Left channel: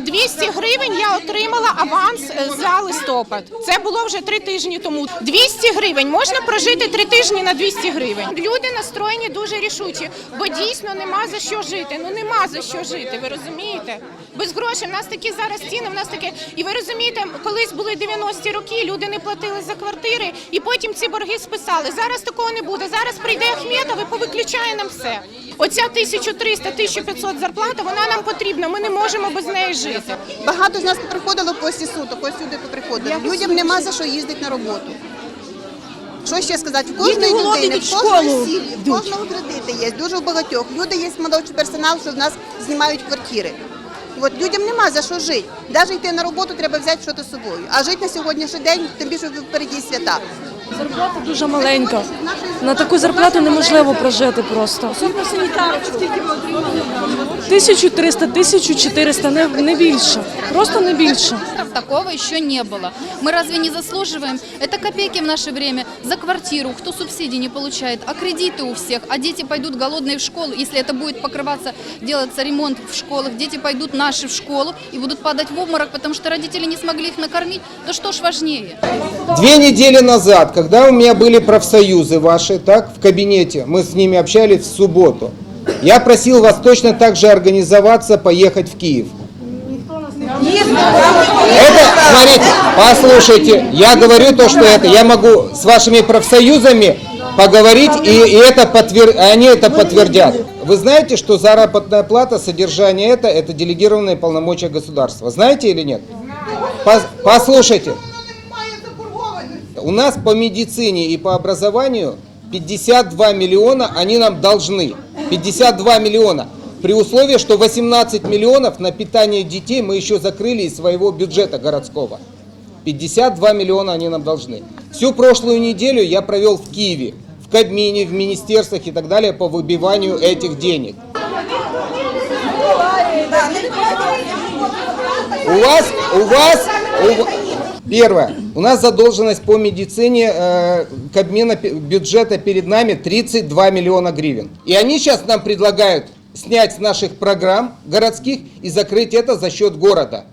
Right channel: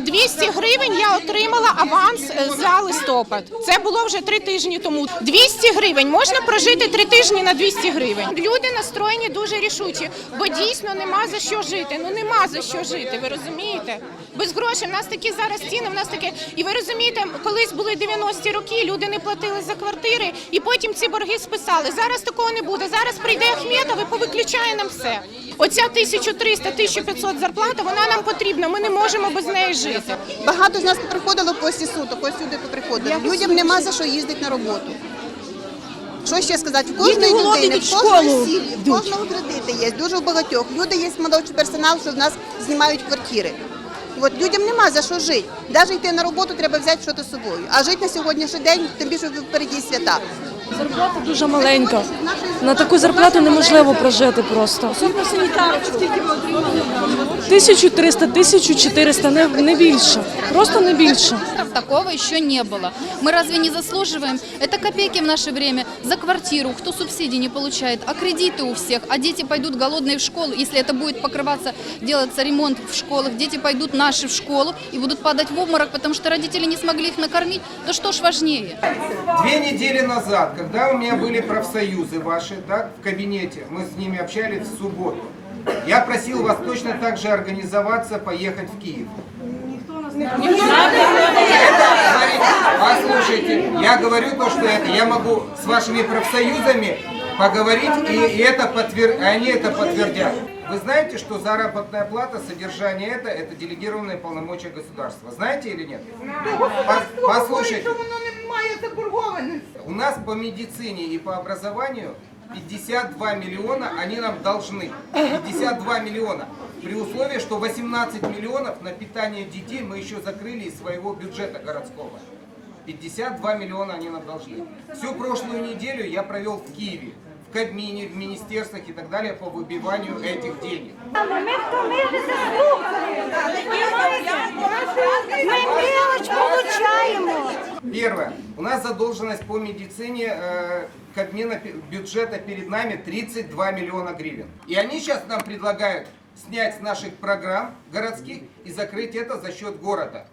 200 гривень я отримала аванс е, за листопад. Це було вже три тижні тому. 200 гривень можна прожити три тижні на 200 гривень. Люди настроєні дуже рішучі, бо дійсно нема за що жити. Ну нема за що жити. Ви розумієте? Без грошей. В нас такі зараз ціни. В нас таке, і ви розумієте, колись були 90-ті роки. Люди не платили за квартири, і потім ці борги списали. Зараз такого не буде. Зараз прийде Ахметов і повиключає нам все. Оця 1300-1500 зарплата, вона нам потрібна. Ми не можемо без неї жити. Багато з нас приходило після суток, ось сюди приходили. Людям нема за що їздити на роботу. Що ще сказати? В кожної людини, в кожної школи сім'ї, в кожного кредити є, дуже у багатьох. Люди є молодший персонал, що в нас знімають квартири. От людям нема за що жити. Навіть йти на роботу треба взяти щось з собою. А жити на сьогоднішній день, тим більше впереді свята. Зарплата дуже маленька. На таку зарплату неможливо прожити просто. 1300, 1400, не, не більше. Просто не більше. Такого еще не было. Мы разве не заслуживаем? Это копейки в наше время за квартиру, кто субсидий не получает, а кредиты у всех, а дети пойдут голодные в школу. Если это будет покрываться, делаться ремонт в школах, дети пойдут наши в школу и будут падать в обморок, потому что родители не смогли их накормить. Да что ж важнее? Две недели назад, когда у меня были профсоюзы ваши, так, в кабинете, мы с ними общались в субботу, я просил вас точно так же организоваться, поехать в Киев. Это, смотрите, послушайте, я говорю то, что это, я могу с вашими профсоюзами поговорить, и, и это подтвер- они это подтвердят. Вы знаете, что заработная плата, содержание это, это делегированные полномочия государства. Знаете или нет? Пос- Послушайте, у нас по медицине и по образованию 52 миллиона они нам должны. 52 миллиона. При условии, что 18 миллионов на питание детей мы еще закрыли из своего бюджета городского. 52 миллиона они нам должны. Всю прошлую неделю я провел в Киеве, в Кабмине, в министерствах и так далее по выбиванию этих денег. У вас, у вас, у ва- Первое. У нас задолженность по медицине э, Кабмина пе- бюджета перед нами 32 миллиона гривен. И они сейчас нам предлагают снять с наших программ городских и закрыть это за счет города.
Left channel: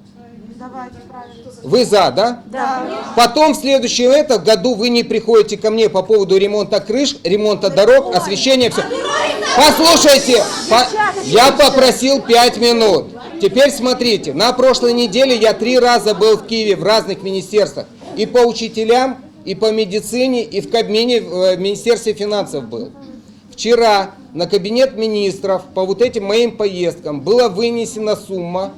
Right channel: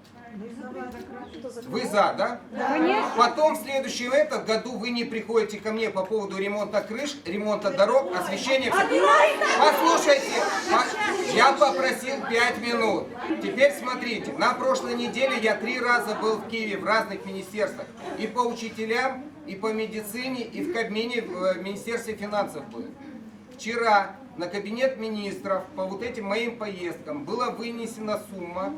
Вы за, да? Да. Потом в следующем это году вы не приходите ко мне по поводу ремонта крыш, ремонта дорог, освещения, все. Послушайте, по- я попросил 5 минут. Теперь смотрите, на прошлой неделе я три раза был в Киеве в разных министерствах. И по учителям, и по медицине, и в Кабмине, в э, Министерстве финансов был. Вчера на кабинет министров по вот этим моим поездкам была вынесена сумма,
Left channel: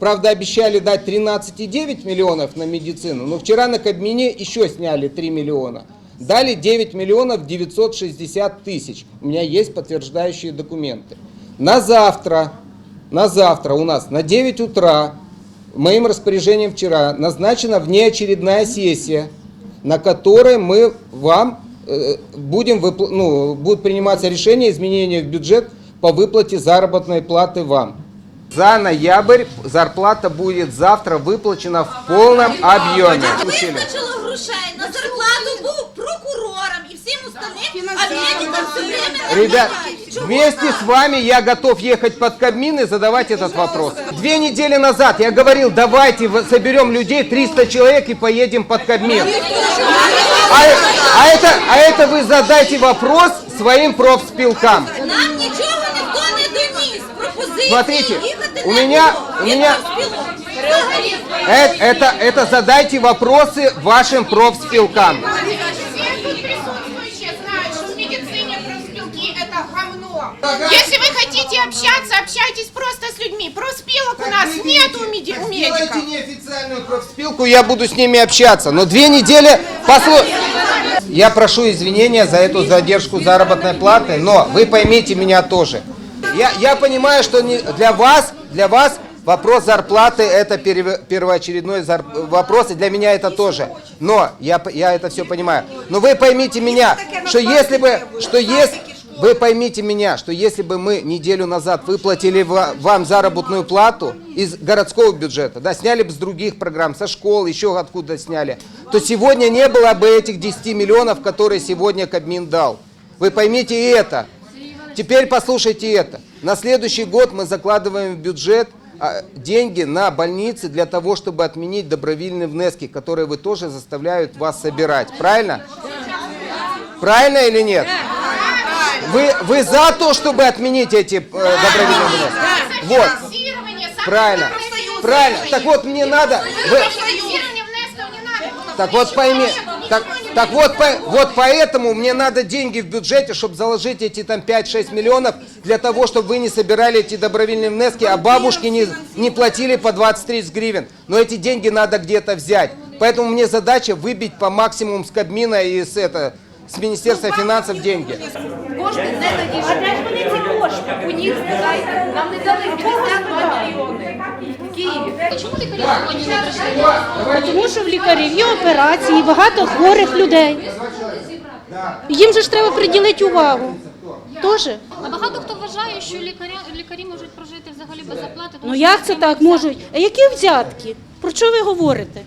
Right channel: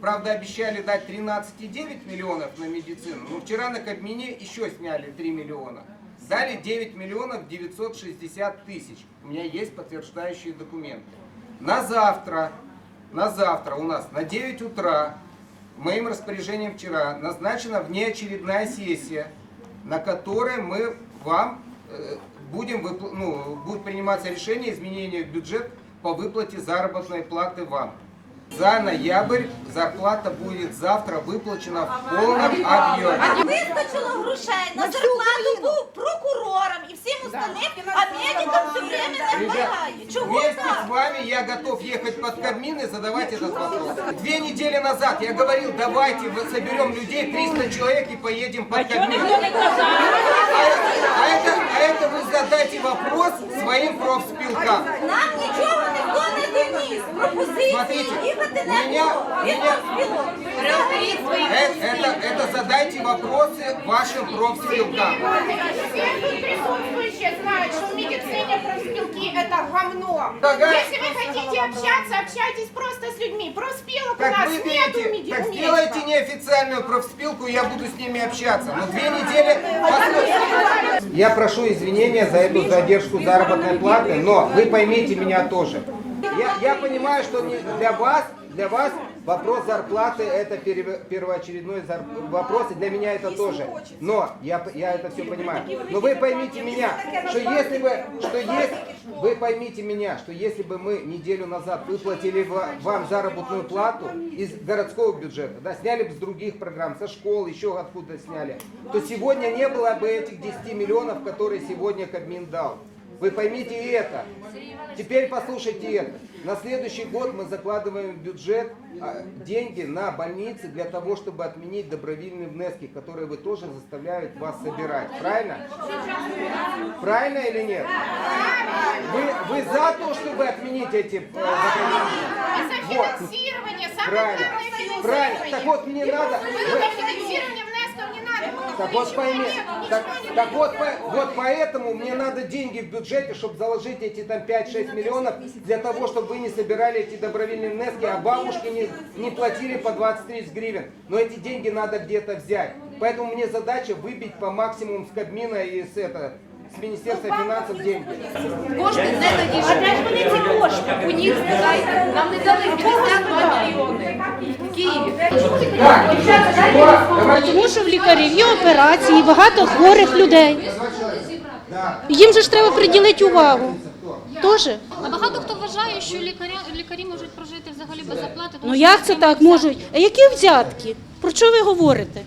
правда обещали дать 13,9 миллионов на медицину, но вчера на Кабмине еще сняли 3 миллиона. Дали 9 миллионов 960 тысяч. У меня есть подтверждающие документы. На завтра, на завтра у нас на 9 утра моим распоряжением вчера назначена внеочередная сессия, на которой мы вам э, будем выпл- ну, будет приниматься решение изменения в бюджет по выплате заработной платы вам. За ноябрь зарплата будет завтра выплачена в полном объеме. Вистачило грошей на зарплату був прокурором і всім остальним, а він там все время Ребят, набирає. Чого вместе так? с вами я готов ехать под Кабмин и задавать этот вопрос. Две недели назад я говорил, давайте в- соберем людей, 300 человек и поедем под Кабмин. А, а это, а это вы задайте вопрос своим профспилкам. Нам нічого ніхто не доніс. Пропозиції Смотрите, їхати у на меня- роботу. у Від меня- профспілок. Взагалі. Это, это, это задайте вопросы вашим профспилкам. Если вы хотите общаться, общайтесь просто с людьми. Профспилок у нас нет у меди- у Сделайте медиков. неофициальную профспилку, я буду с ними общаться. Но две недели... Послу- Я прошу извинения за эту задержку заработной платы, но вы поймите меня тоже. Я, я понимаю, что не- для вас, для вас вопрос зарплаты это перев- первоочередной зар- вопрос, и для меня это тоже. Но я, п- я это все понимаю. Но вы поймите меня, что если бы, что если, вы поймите меня, что если бы мы неделю назад выплатили ва- вам заработную плату из городского бюджета, да, сняли бы с других программ, со школ, еще откуда сняли, то сегодня не было бы этих 10 миллионов, которые сегодня Кабмин дал. Вы поймите и это. Теперь послушайте это. На следующий год мы закладываем в бюджет а, деньги на больницы для того, чтобы отменить добровольные внески, которые вы тоже заставляют вас собирать. Правильно? Правильно или нет? Вы, вы за то, чтобы отменить эти э, добровольные внески? Вот. Фінансування саме Правильно. Євросоюзу. Правильно. Так вот, мне надо... Вы, Фінансування внесків не надо. так вот пойми, так, так вот, по- вот поэтому мне надо деньги в бюджете, чтобы заложить эти там 5-6 миллионов, для того, чтобы вы не собирали эти добровольные внески, а бабушки не, не платили по 20-30 гривен. Но эти деньги надо где-то взять. Поэтому мне задача выбить по максимуму с Кабмина и с, это, с Министерства финансов деньги. Кошти не надійшли. А де ж вони ці кошти? У них. Нам не дали 52 мільйони в Києві. Тому що в лікарів є операції, багато хворих людей. Їм же ж треба приділити увагу. Тоже? А багато хто вважає, що лікаря, лікарі можуть прожити взагалі без оплати. тому Ну що як це так можуть? А які взятки? Про що ви говорите?